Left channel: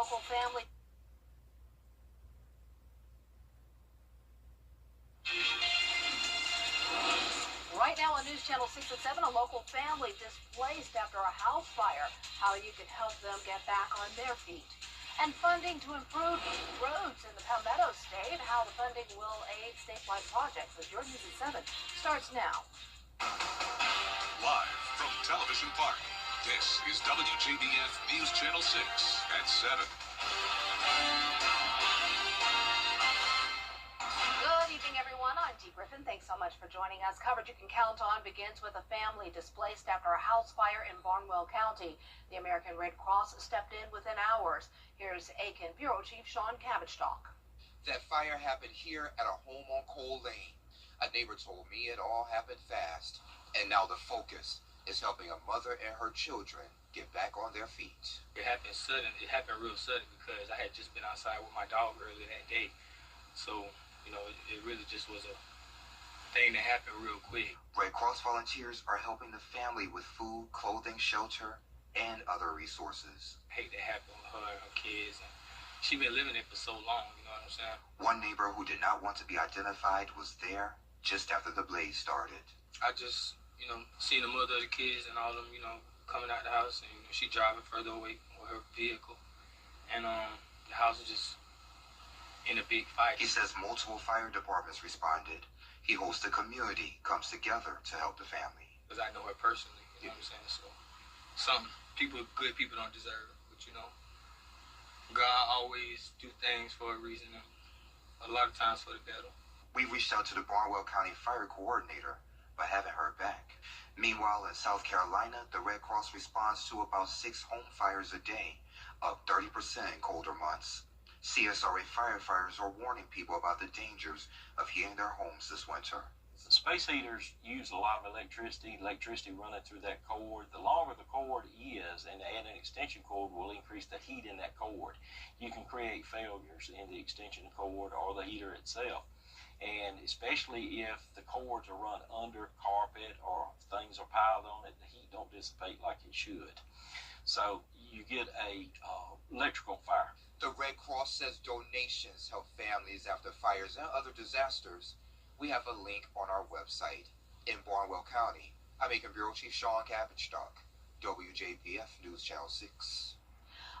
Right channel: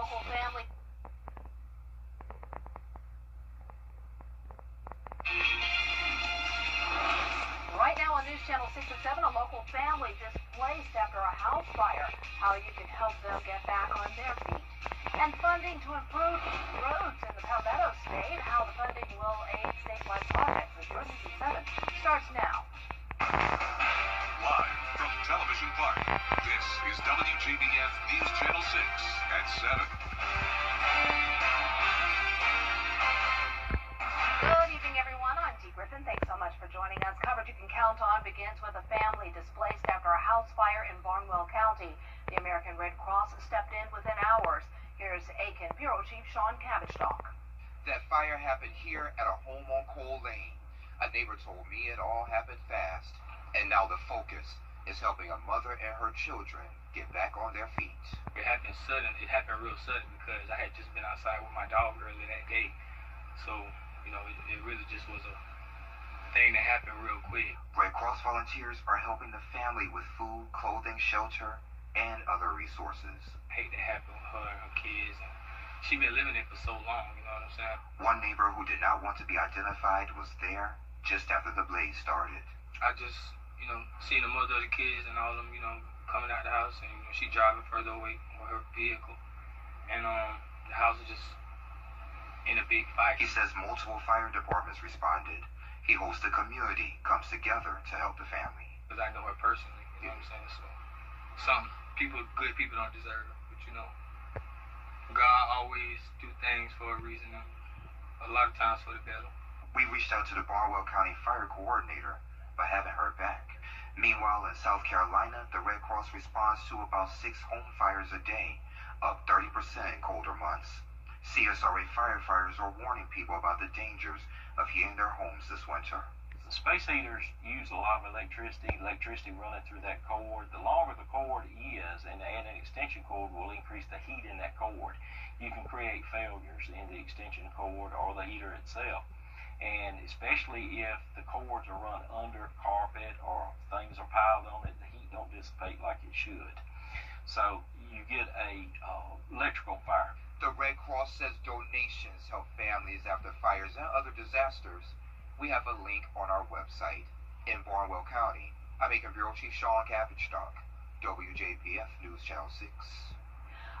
local family. Right now on News Channel 6 and 7, a local family displaced after a house fire. How you can help them get back on their feet. And funding to improve roads in the Palmetto State. How the funding will aid statewide projects. As your News at 7 starts now. Live from Television Park, this is WJBF News Channel 6 at 7. Good evening, everyone. I'm Dee Griffin. Thanks so much for joining us. Coverage you can count on begins with a family displaced after a house fire in Barnwell County. The American Red Cross stepped in within hours. Here's Aiken Bureau Chief Sean Cabbage-Stock. That fire happened here at a home on Cole Lane. A neighbor told me it all happened fast, and now the focus is helping a mother and her children get back on their feet. It happened sudden. It happened real sudden because I had just been outside with my dog earlier that day. So, you know, it really just was a thing that happened real quick. Red Cross volunteers are helping the family with food, clothing, shelter, and other resources. I hate that happened with her and her kids. And she been living it for so long, you know what I'm saying? One neighbor who did not want to be identified was there just after the blaze started. I just, you know, seen the mother of the kids and all of them, you know, coming out the house, and you know, she driving further away with her vehicle. And the house was just in a big fight. He says multiple fire departments responded. He hopes the community comes together to help the family. Because I know her personally, you know what I'm saying? So some people, good people don't deserve it, but you know, God always do things for a reason, and a lot of times for the better. We reached out to the Barnwell County Fire Coordinator, but haven't heard back. Meanwhile, in South Carolina, the Red Cross responds to about 6 home fires a day, up 30% in colder months. CSRA firefighters are warning people about the dangers of heating their homes this winter. The space heaters use a lot of electricity running through that cord. The longer the cord is, and add an extension cord will increase the heat in that cord. You can create failures in the extension cord or the heater itself. And especially if the cords are run under carpet or things are piled on it, the heat don't dissipate like it should. So you get a electrical fire. The Red Cross says donations help families after fires and other disasters. We have a link on our website. In Barnwell County, I'm Aiken Bureau Chief Sean Cabbage-Stock, WJBF News Channel 6.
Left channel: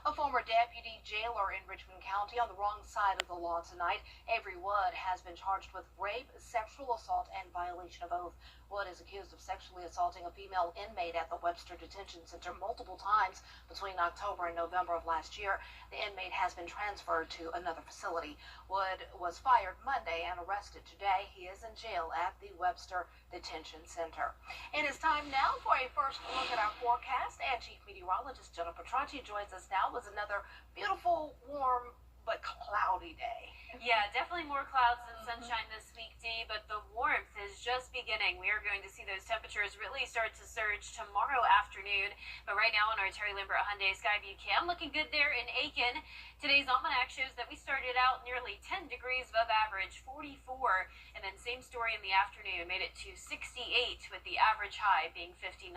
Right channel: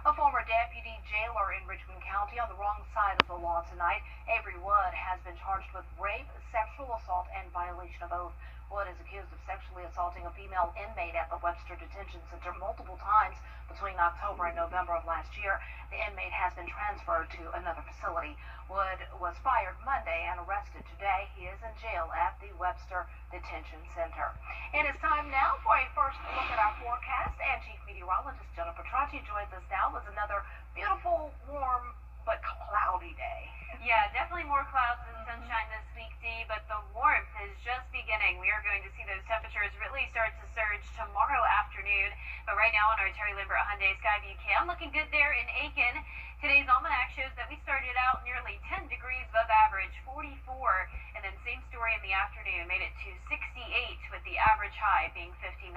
A former deputy jailer in Richmond County on the wrong side of the law tonight. Avery Wood has been charged with rape, sexual assault, and violation of oath. Wood is accused of sexually assaulting a female inmate at the Webster Detention Center multiple times between October and November of last year. The inmate has been transferred to another facility. Wood was fired Monday and arrested today. He is in jail at the Webster Detention Center. It is time now for a first look at our forecast, and Chief Meteorologist Jennifer Tracci joins us now with another beautiful, warm, but cloudy day. Yeah, definitely more clouds than sunshine this week, Dee, but the warmth is just beginning. We are going to see those temperatures really start to surge tomorrow afternoon. But right now on our Terry Lambert Hyundai Skyview cam, looking good there in Aiken. Today's almanac shows that we started out nearly 10 degrees above average, 44, and then same story in the afternoon, made it to 68 with the average high being 59.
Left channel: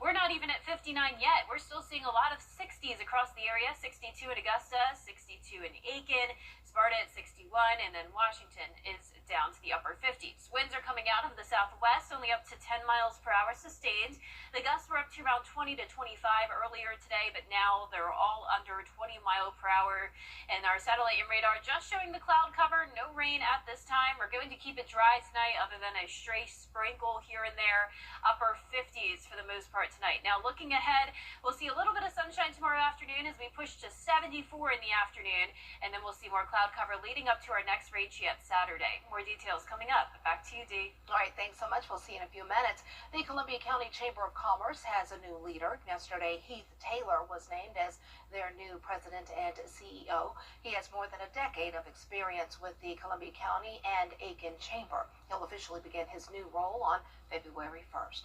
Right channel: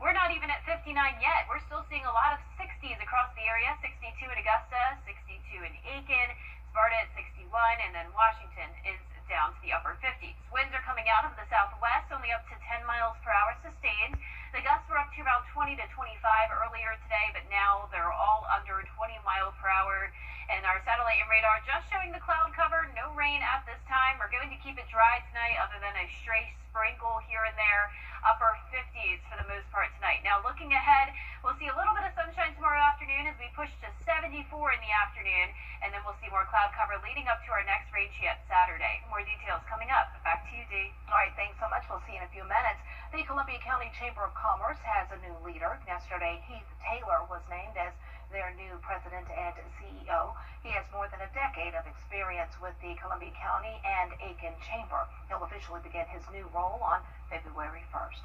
We're not even at 59 yet. We're still seeing a lot of 60s across the area, 62 in Augusta, 62 in Aiken, Sparta at 61, and then Washington is down to the upper 50s. Winds are coming out of the southwest, only up to 10 miles per hour sustained. The gusts were up to around 20 to 25 earlier today, but now they're all under 20 mile per hour. And our satellite and radar just showing the cloud cover, no rain at this time. We're going to keep it dry tonight other than a stray sprinkle here and there. Upper 50s for the most part tonight. Now looking ahead, we'll see a little bit of sunshine tomorrow afternoon as we push to 74 in the afternoon, and then we'll see more cloud cover leading up to our next rain yet Saturday. More details coming up. Back to you, Dee. All right, thanks so much. We'll see you in a few minutes. The Columbia County Chamber of Commerce has a new leader. Yesterday, Heath Taylor was named as their new president and CEO. He has more than a decade of experience with the Columbia County and Aiken Chamber. He'll officially begin his new role on February 1st.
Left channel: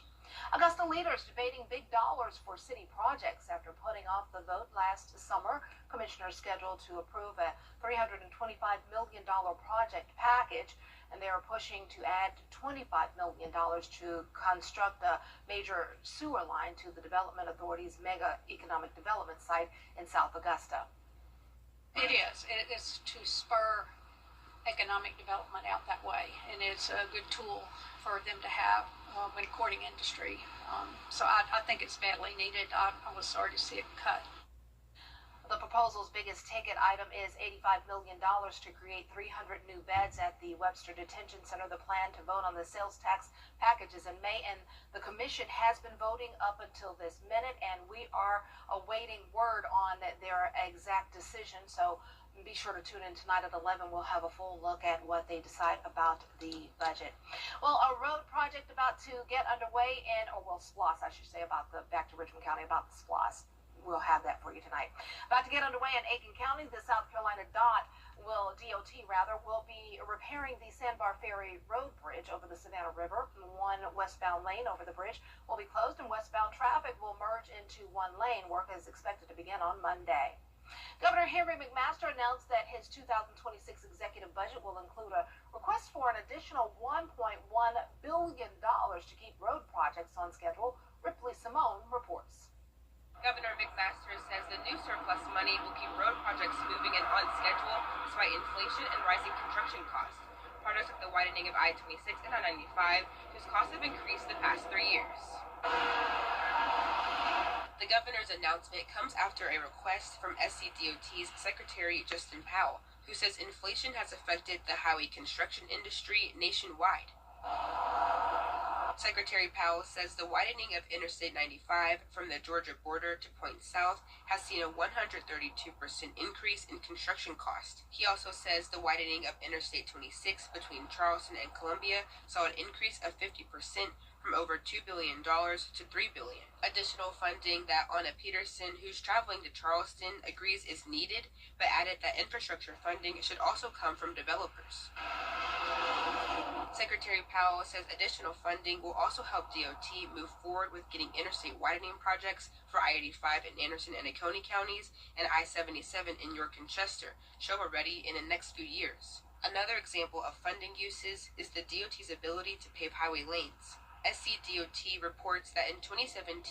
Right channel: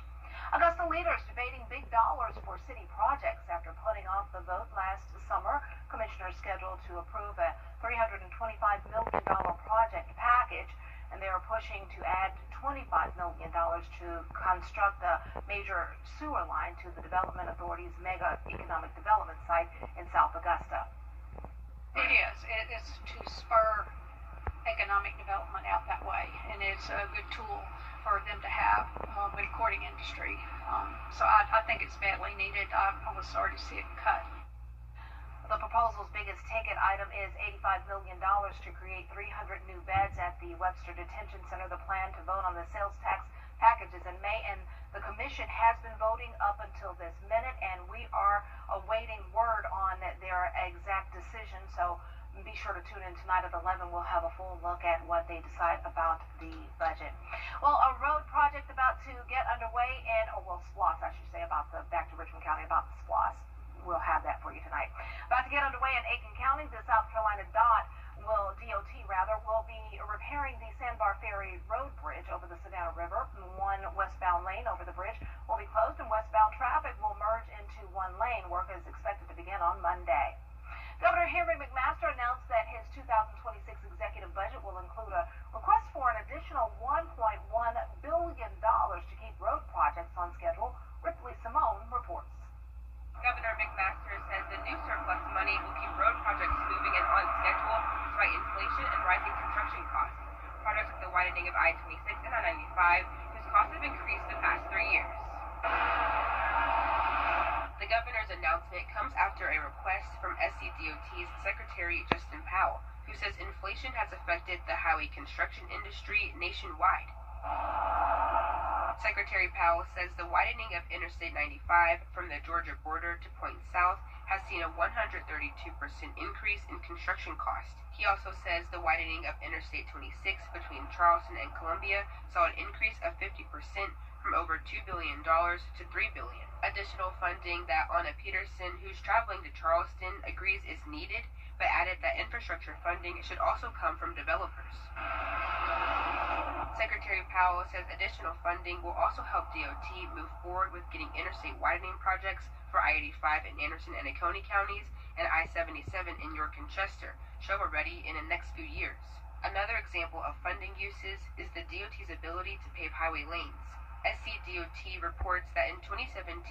Augusta leaders debating big dollars for city projects after putting off the vote last summer. Commissioners scheduled to approve a $325 million project package, and they are pushing to add $25 million to construct a major sewer line to the Development Authority's mega economic development site in South Augusta. It is. It is to spur economic development out that way, and it's a good tool for them to have when courting industry. So I think it's badly needed. I was sorry to see it cut. The proposal's biggest ticket item is $85 million to create 300 new beds at the Webster Detention Center. The plan to vote on the sales tax packages in May, and the commission has been voting up until this minute, and we are awaiting word on their exact decision. So be sure to tune in tonight at 11. We'll have a full look at what they decide about the budget. Well, a road project about to get underway SPLOS, I should say, back to Richmond County, about the SPLOS. We'll have that for you tonight. About to get underway in Aiken County, the South Carolina DOT will be repairing the Sandbar Ferry Road Bridge over the Savannah River. One westbound lane over the bridge will be closed, and westbound traffic will merge into one lane. Work is expected to begin on Monday. Governor Henry McMaster announced that his 2026 executive budget will include a request for an additional $1.1 billion to keep road projects on schedule. Ripley Simone reports. Governor McMaster says the new surplus money will keep road projects moving and on schedule despite inflation and rising construction costs. Projects like the widening of I-26 and I-95, whose costs have increased the past 3 years. The governor's announcement comes after a request from SCDOT's Secretary Justin Powell, who says inflation has affected the highway construction industry nationwide. Secretary Powell says the widening of Interstate 95 from the Georgia border to Point South has seen a 132% increase in construction cost. He also says the widening of Interstate 26 between Charleston and Columbia saw an increase of 50% from over $2 billion to $3 billion. Additional funding that Anna Peterson, who's traveling to Charleston, agrees is needed, but added that infrastructure funding should also come from developers. Secretary Powell says additional funding will also help DOT move forward with getting interstate widening projects for I-85 in Anderson and Oconee counties and I-77 in York and Chester shovel-ready in the next few years. Another example of funding uses is the DOT's ability to pave highway lanes. SCDOT reports that in 2017,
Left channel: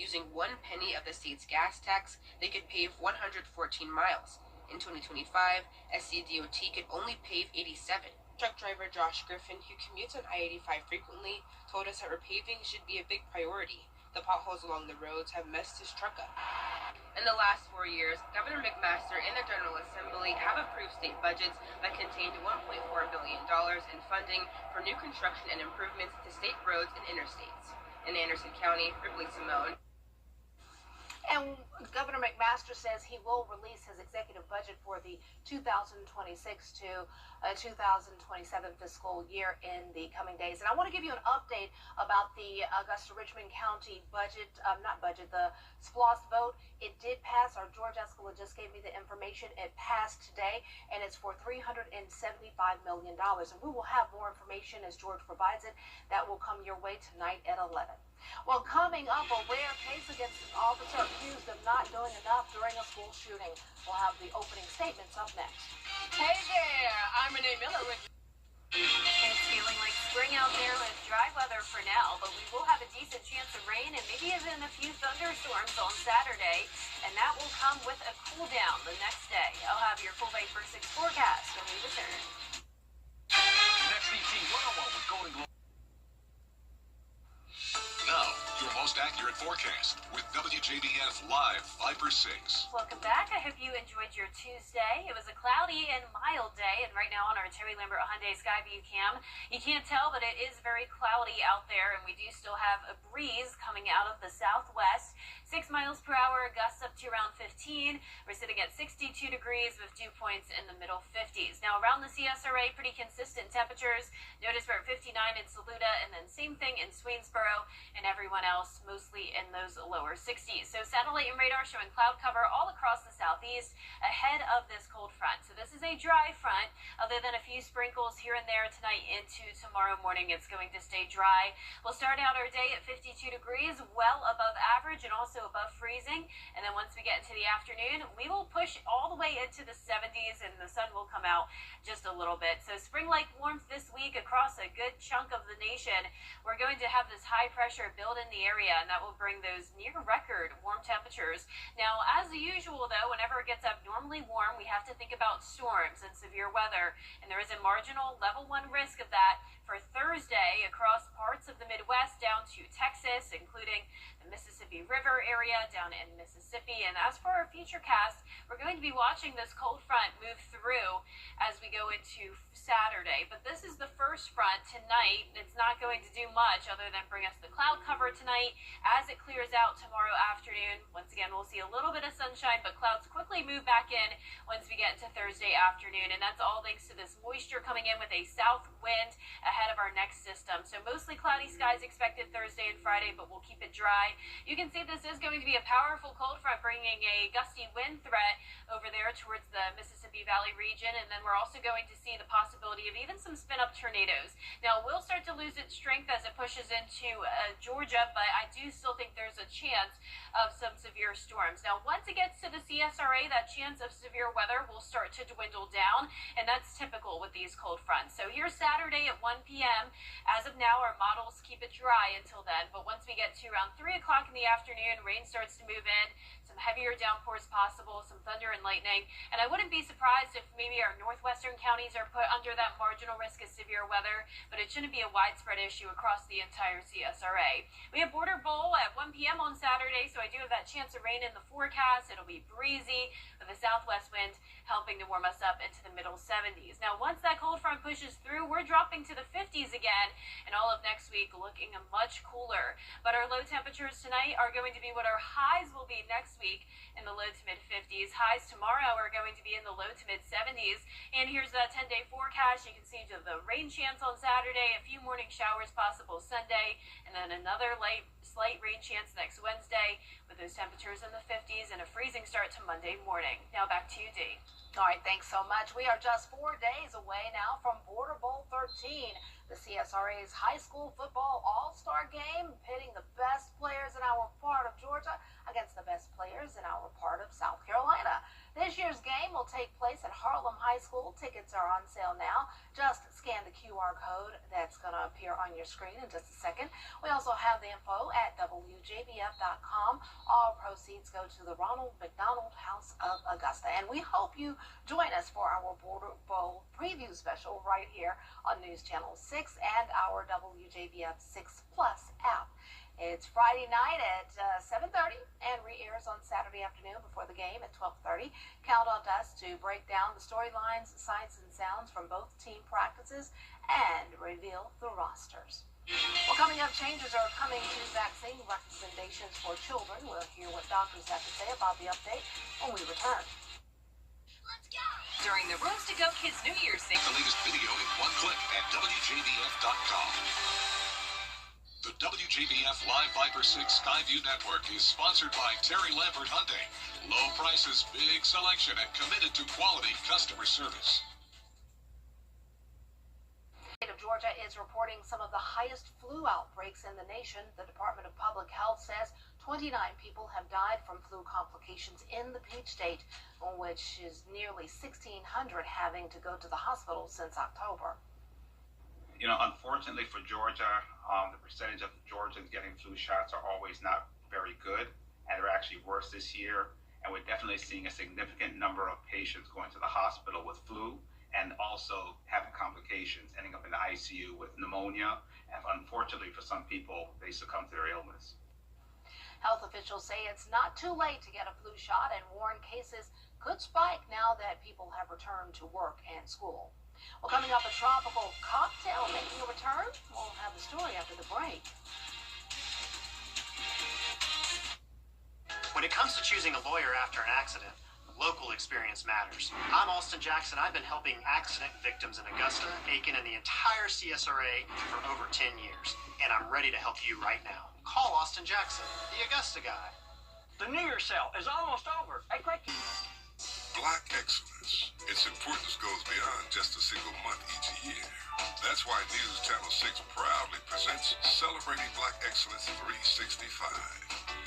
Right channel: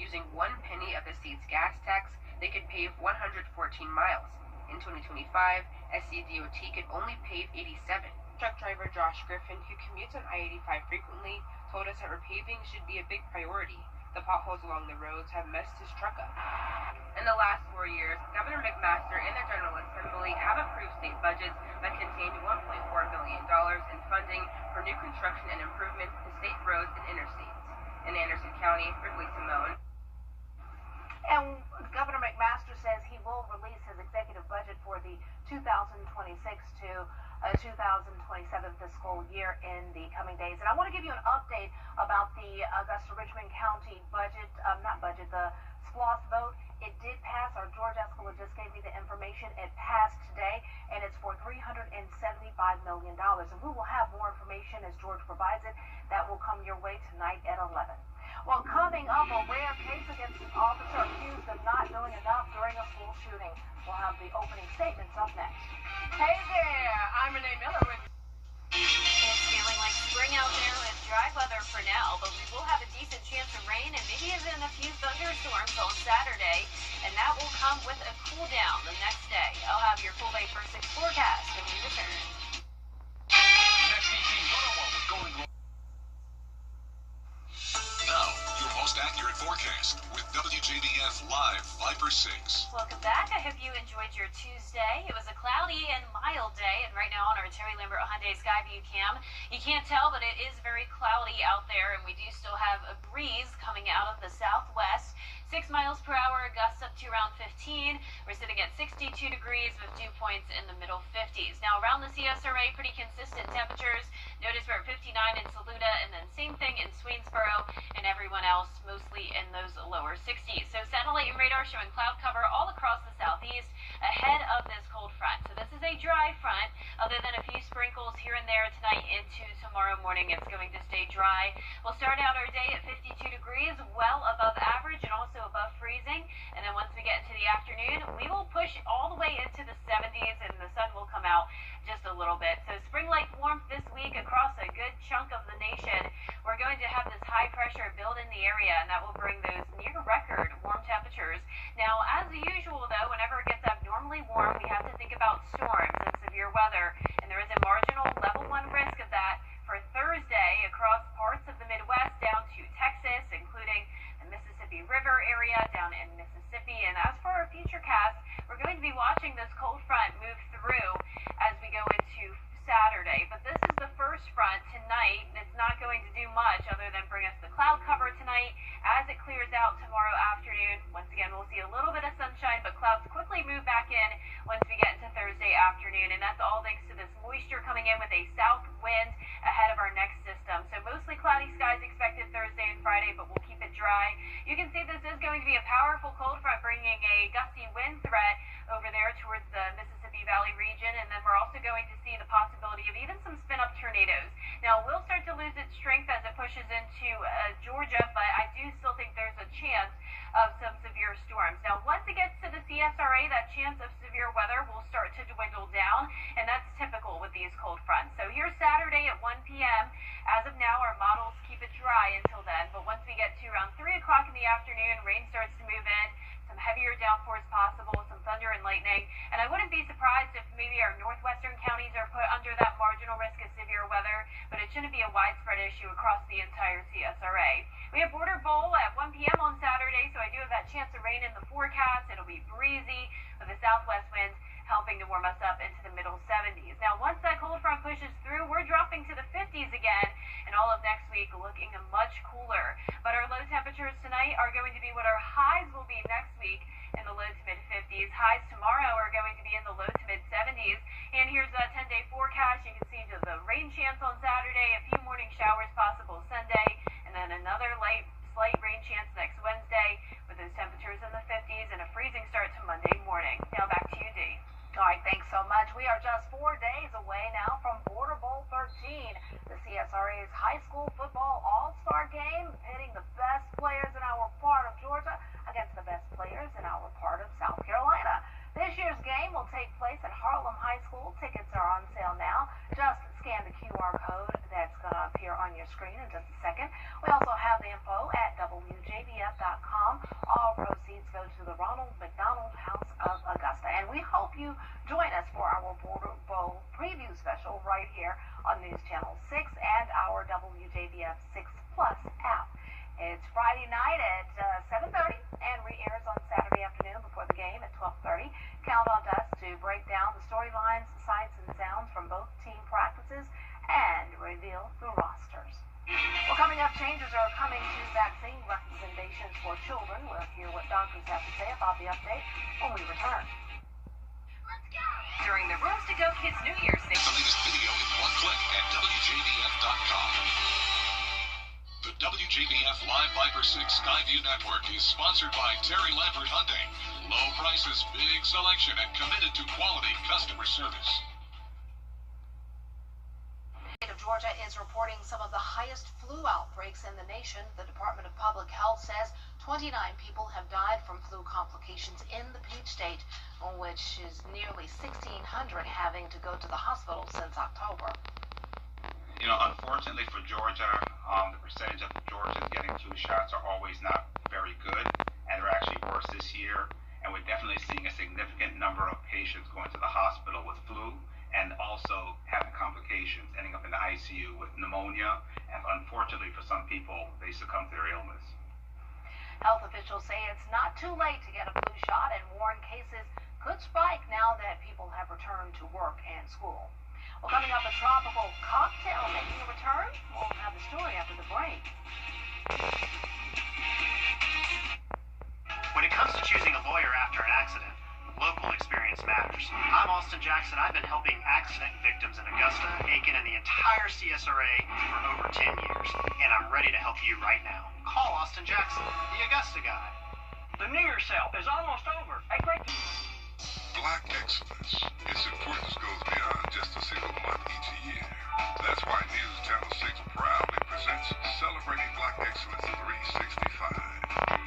using 1 penny of the state's gas tax, they could pave 114 miles. In 2025, SCDOT could only pave 87. Truck driver Josh Griffin, who commutes on I-85 frequently, told us that repaving should be a big priority. The potholes along the roads have messed his truck up. In the last 4 years, Governor McMaster and the General Assembly have approved state budgets that contained $1.4 billion in funding for new construction and improvements to state roads and interstates. In Anderson County, Ripley Simone. And Governor McMaster says he will release his executive budget for the 2026 to 2027 fiscal year in the coming days. And I want to give you an update about the Augusta-Richmond County budget, the SPLOS vote. It did pass. Our George Escala just gave me the information. It passed today, and it's for $375 million. And we will have more information as George provides it. That will come your way tonight at 11. Well, coming up, a rare case against an officer accused of not doing enough during a school shooting. We'll have the opening statements up next. Hey there, I'm Renee Miller with... It's feeling like spring out there with dry weather for now, but we will have a decent chance of rain and maybe even a few thunderstorms on Saturday, and that will come with a cool down the next day. I'll have your full day first 6 forecast when we return. Next ET 101 with Golden Globe. Now, your most accurate forecast with WJBF Live 5/6. Welcome back. I hope you enjoyed your Tuesday. It was a cloudy and mild day, and right now on our Terry Lambert Hyundai Skyview cam, you can't tell, but it is very cloudy out there, and we do still have a breeze coming out of the southwest. 6 miles per hour, gusts up to around 15. We're sitting at 62 degrees with dew points in the middle 50s. Now around the CSRA, pretty consistent temperatures. Notice we're at 59 in Saluda, and then same thing in Swainsboro, and everyone else mostly in those lower 60s. So satellite and radar showing cloud cover all across the southeast ahead of this cold front. So this is a dry front, other than a few sprinkles here and there tonight into tomorrow morning. It's going to stay dry. We'll start out our day at 52 degrees, well above average, and also also above freezing. And then once we get into the afternoon, we will push all the way into the 70s, and the sun will come out just a little bit. So spring-like warmth this week across a good chunk of the nation. We're going to have this high pressure build in the area, and that will bring those near record warm temperatures. Now, as usual, though, whenever it gets abnormally warm, we have to think about storms and severe weather. And there is a marginal level 1 risk of that for Thursday across parts of the Midwest down to Texas, including the Mississippi River area down in Mississippi. And as for our future cast, we're going to be watching this cold front move through as we go into Saturday. But this is the first front tonight, and it's not going to do much other than bring us the cloud cover tonight. As it clears out tomorrow afternoon, once again, we'll see a little bit of sunshine, but clouds quickly move back in once we get into Thursday afternoon. And that's all thanks to this moisture coming in with a south wind ahead of our next system. So mostly cloudy skies expected Thursday and Friday, but we'll keep it dry. You can see this is going to be a powerful cold front, bringing a gusty wind threat over there towards the Mississippi Valley region. And then we're also going to see the possibility of even some spin-up tornadoes. Now, we'll start to lose its strength as it pushes into Georgia, but I do still think there's a chance of some severe storms. Now, once it gets to the CSRA, that chance of severe weather will start to dwindle down, and that's typical with these cold fronts. So here's Saturday at 1 p.m. As of now, our models keep it dry until then, but once we get to around 3 o'clock in the afternoon, rain starts to move in, some heavier downpours possible, some thunder and lightning, and I wouldn't be surprised if maybe our northwestern counties are put under that marginal risk of severe weather, but it shouldn't be a widespread issue across the entire CSRA. We have Border Bowl at 1 p.m. on Saturday, so I do have that chance of rain in the forecast. It'll be breezy with a southwest wind helping to warm us up into the middle 70s. Now, once that cold front pushes through, we're dropping to the 50s again, and all of next week looking much cooler. But our low temperatures tonight are going to be what our highs will be next week in the low to mid 50s. Highs tomorrow are going to be in the low to mid 70s. And here's that 10-day forecast. You can see the rain chance on Saturday, a few morning showers possible Sunday, and then another slight rain chance next Wednesday with those temperatures in the 50s and a freezing start to Monday morning. Now back to you, Dee. All right, thanks so much. We are just 4 days away now from Border Bowl 13, the CSRA's high school football all-star game, pitting the best players in our part of Georgia against the best players in our part of South Carolina. This year's game will take place at Harlem High School. Tickets are on sale now. Just scan the QR code that's going to appear on your screen in just a second. We also have the info at WJBF.com. All proceeds go to the Ronald McDonald House of Augusta. And we hope you join us for our Border Bowl preview special right here on News Channel 6 and our WJBF 6 Plus app. It's Friday night at 7:30 and re-airs on Saturday afternoon before the game at 12:30. Count on us to break down the storylines, sights, and sounds from both team practices and reveal the rosters. Well, coming up, changes are coming to vaccine recommendations for children. We'll hear what doctors have to say about the update when we return. Let's go! During the Rooms to Go Kids New Year's Day. The latest video in one click at WJBF.com. The WJBF Live Viper 6 Skyview Network is sponsored by Terry Lambert Hyundai. Low prices, big selection, and committed to quality customer service. The state of Georgia is reporting some of the highest flu outbreaks in the nation. The Department of Public Health says 29 people have died from flu complications in the Peach State, which is nearly 1,600 having to go to the hospital since October. You know, unfortunately for Georgia, the percentage of Georgians getting flu shots are always not very good, and they're actually worse this year. And we're definitely seeing a significant number of patients going to the hospital with flu and also having complications, ending up in the ICU with pneumonia. And unfortunately for some people, they succumb to their illness. Health officials say it's not too late to get a flu shot and warn cases could spike now that people have returned to work and school. Well, coming up, a tropical cocktail making a return. We'll have the story after the break. When it comes to choosing a lawyer after an accident, local experience matters. I'm Austin Jackson. I've been helping accident victims in Augusta, Aiken, and the entire CSRA for over 10 years, and I'm ready to help you right now. Call Austin Jackson, the Augusta guy. The New Year's sale is almost over. Hey, great. Black excellence. Its importance goes beyond just a single month each year. That's why News Channel 6 proudly presents Celebrating Black Excellence 365.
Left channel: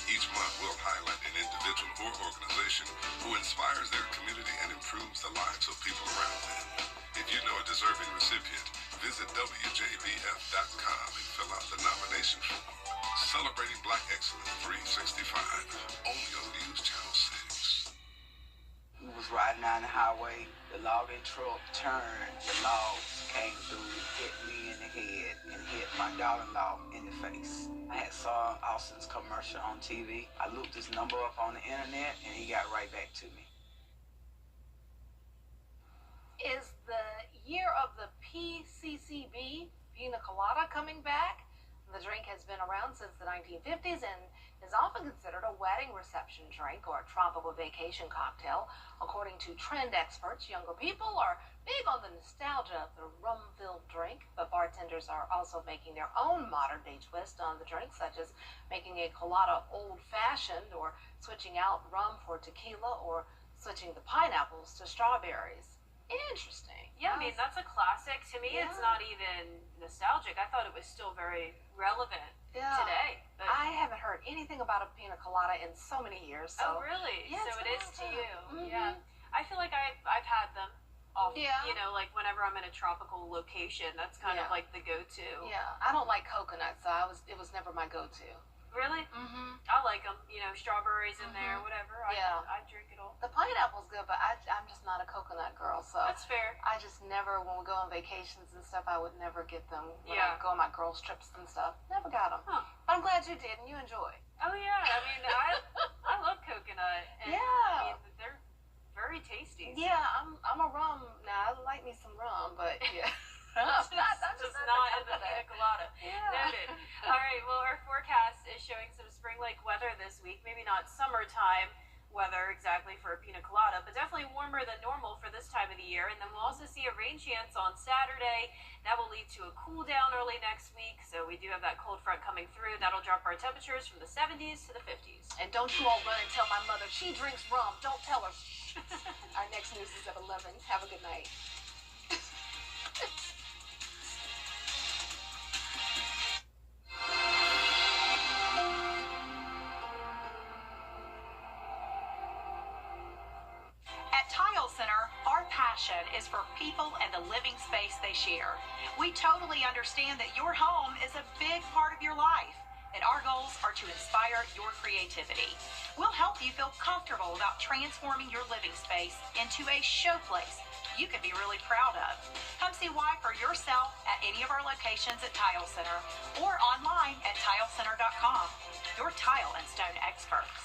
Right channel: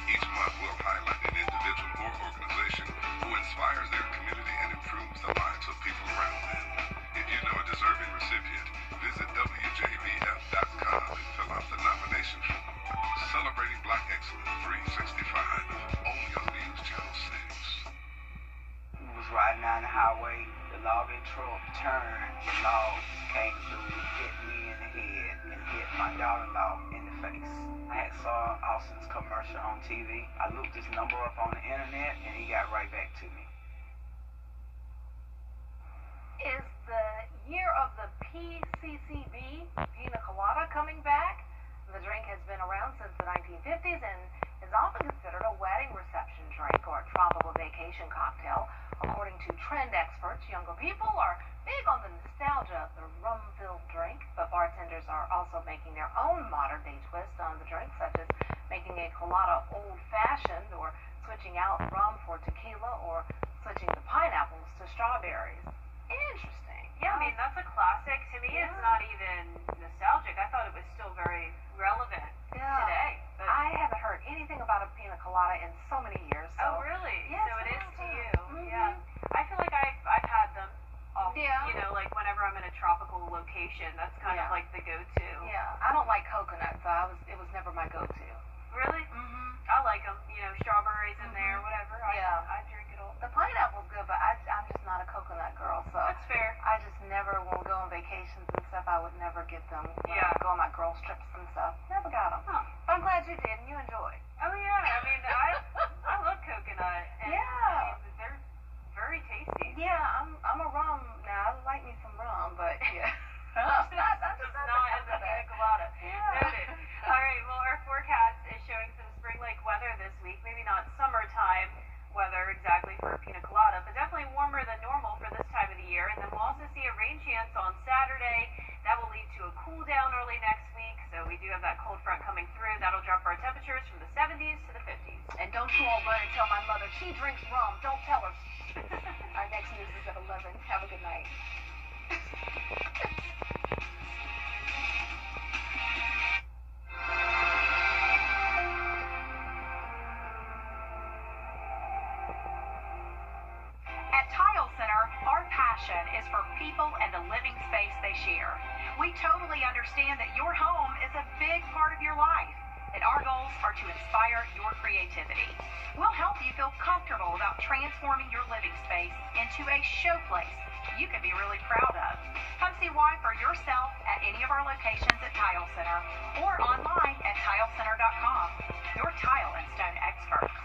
Each month will highlight an individual or organization who inspires their community and improves the lives of people around them. If you know a deserving recipient, visit WJBF.com and fill out the nomination form. Celebrating Black Excellence 365, only on News Channel 6. We was riding down the highway, the logging truck turned, the logs came through, hit me in the head, and hit my daughter-in-law in the face. I had saw Austin's commercial on TV. I looked his number up on the internet, and he got right back to me. Is the year of the PCCB, Pina Colada, coming back? The drink has been around since the 1950s and is often considered a wedding reception drink or a tropical vacation cocktail. According to trend experts, younger people are big on the nostalgia of the rum-filled drink, but bartenders are also making their own modern-day twist on the drink, such as making a colada old-fashioned or switching out rum for tequila or switching the pineapples to strawberries. Interesting. Yeah, I mean, that's a classic. To me, it's not even nostalgic. I thought it was still very relevant today. But I haven't heard anything about a pina colada in so many years. So. Oh, really? Yeah, so it is to you. Mm-hmm. Yeah. I feel like I've had them. Yeah. You know, like whenever I'm in a tropical location, that's kind of like the go-to. Yeah. I don't like coconut, so it was never my go-to. Really? Mm-hmm. I like them. You know, strawberries in there, whatever. I drink it all. The pineapple's good, but I'm just not a coconut girl, so that's fair. I just never, when we go on vacations and stuff, I would never get them. When I go on my girls trips and stuff, never got them. Huh. But I'm glad you did and you enjoyed. Oh yeah, I mean, I love coconut. And, I mean, they're very tasty. Yeah, I'm a rum now. I like me some rum, but yeah. Just not in the pina colada. Yeah. Noted. All right, well, our forecast is showing some spring-like weather this week. Maybe not summertime weather exactly for a pina colada, but definitely warmer than normal for this time of the year. And then we'll also see a rain chance on Saturday. That will lead to a cool down early next week. So we do have that cold front coming through. That'll drop our temperatures from the 70s to the 50s. And don't you all run and tell my mother she drinks rum. Don't tell her. Our next news is at 11. Have a good night. Is for people and the living space they share. We totally understand that your home is a big part of your life, and our goals are to inspire your creativity. We'll help you feel comfortable about transforming your living space into a showplace you can be really proud of. Come see why for yourself at any of our locations at Tile Center or online at tilecenter.com. Your tile and stone experts.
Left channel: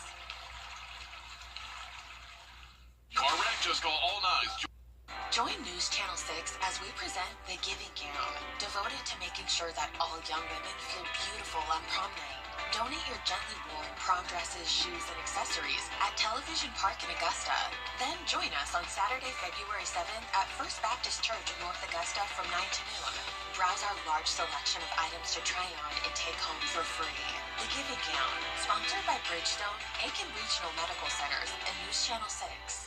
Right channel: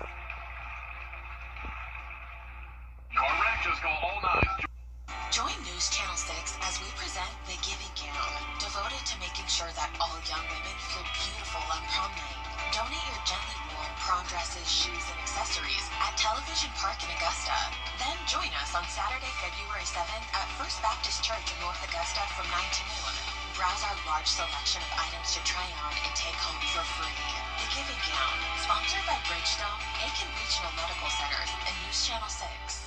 Car wreck, just call all nines. Join News Channel 6 as we present The Giving Gown, devoted to making sure that all young women feel beautiful on prom night. Donate your gently worn prom dresses, shoes, and accessories at Television Park in Augusta. Then join us on Saturday, February 7th at First Baptist Church in North Augusta from 9 to noon. Browse our large selection of items to try on and take home for free. The Giving Gown, sponsored by Bridgestone, Aiken Regional Medical Centers, and News Channel 6.